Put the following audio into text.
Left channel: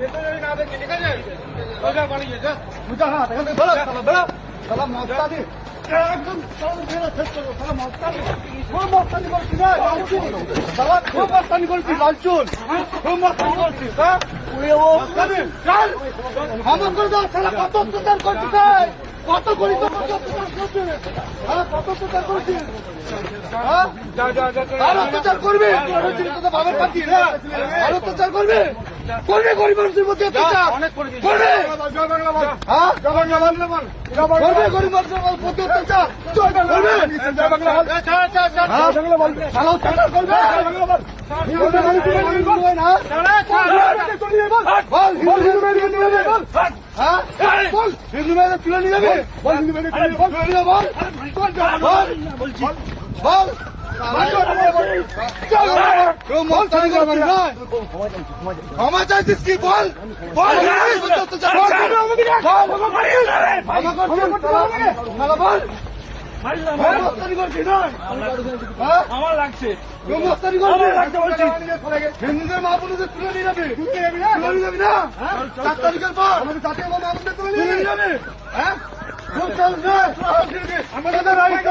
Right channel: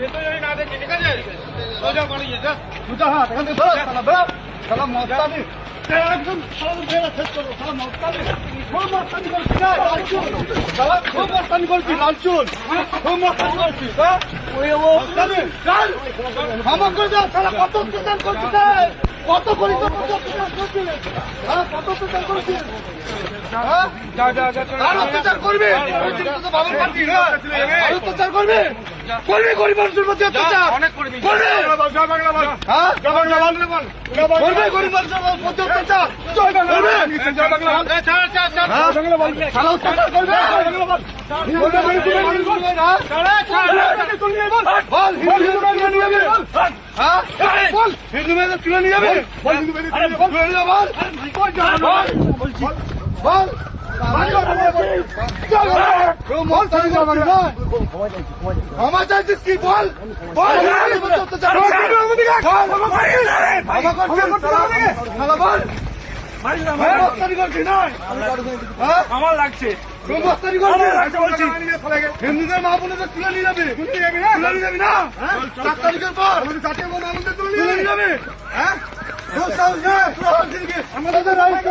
ভেতরে না দেখি, ঠিক আছে? সোজা বাড়ি যা, সোজা হাত, এখান থেকে বেরো, শালা বেরো, শালা মস্তানি। একদম শালা বেরো, শেষ করো, শালা মস্তানি। খুব মস্তানি করছিস, লালচুল। শালা খুব মস্তানি করছিস, লালচুল। খুব মস্তানি করছিস, হ্যাঁ? মস্তানি, চল। ক্ষমা করে দাও, শালা কত অত্যাচার করছিস, কত করিস, কত অত্যাচার করছিস, হ্যাঁ? কত অত্যাচার করছিস, হ্যাঁ? আর অত্যাচার করবি, বাবার পার্টি, হ্যাঁ? আর অত্যাচার করবি, করবি গরিব মানুষের প্রতি অত্যাচার, করবি, করবি গরিব মানুষের প্রতি অত্যাচার, হিন্দু মেয়েদের তুলে নিয়ে যাবে, ক্ষমা চাইছিস কি বল, বল আমার লাগছে হিন্দুদের মা বোনদের তুলে নিয়ে যাবে, তুলে নিয়ে যাবি না 4 তারিখের পর তুলে নিয়ে যাবে, হ্যাঁ? আমাদের রাইট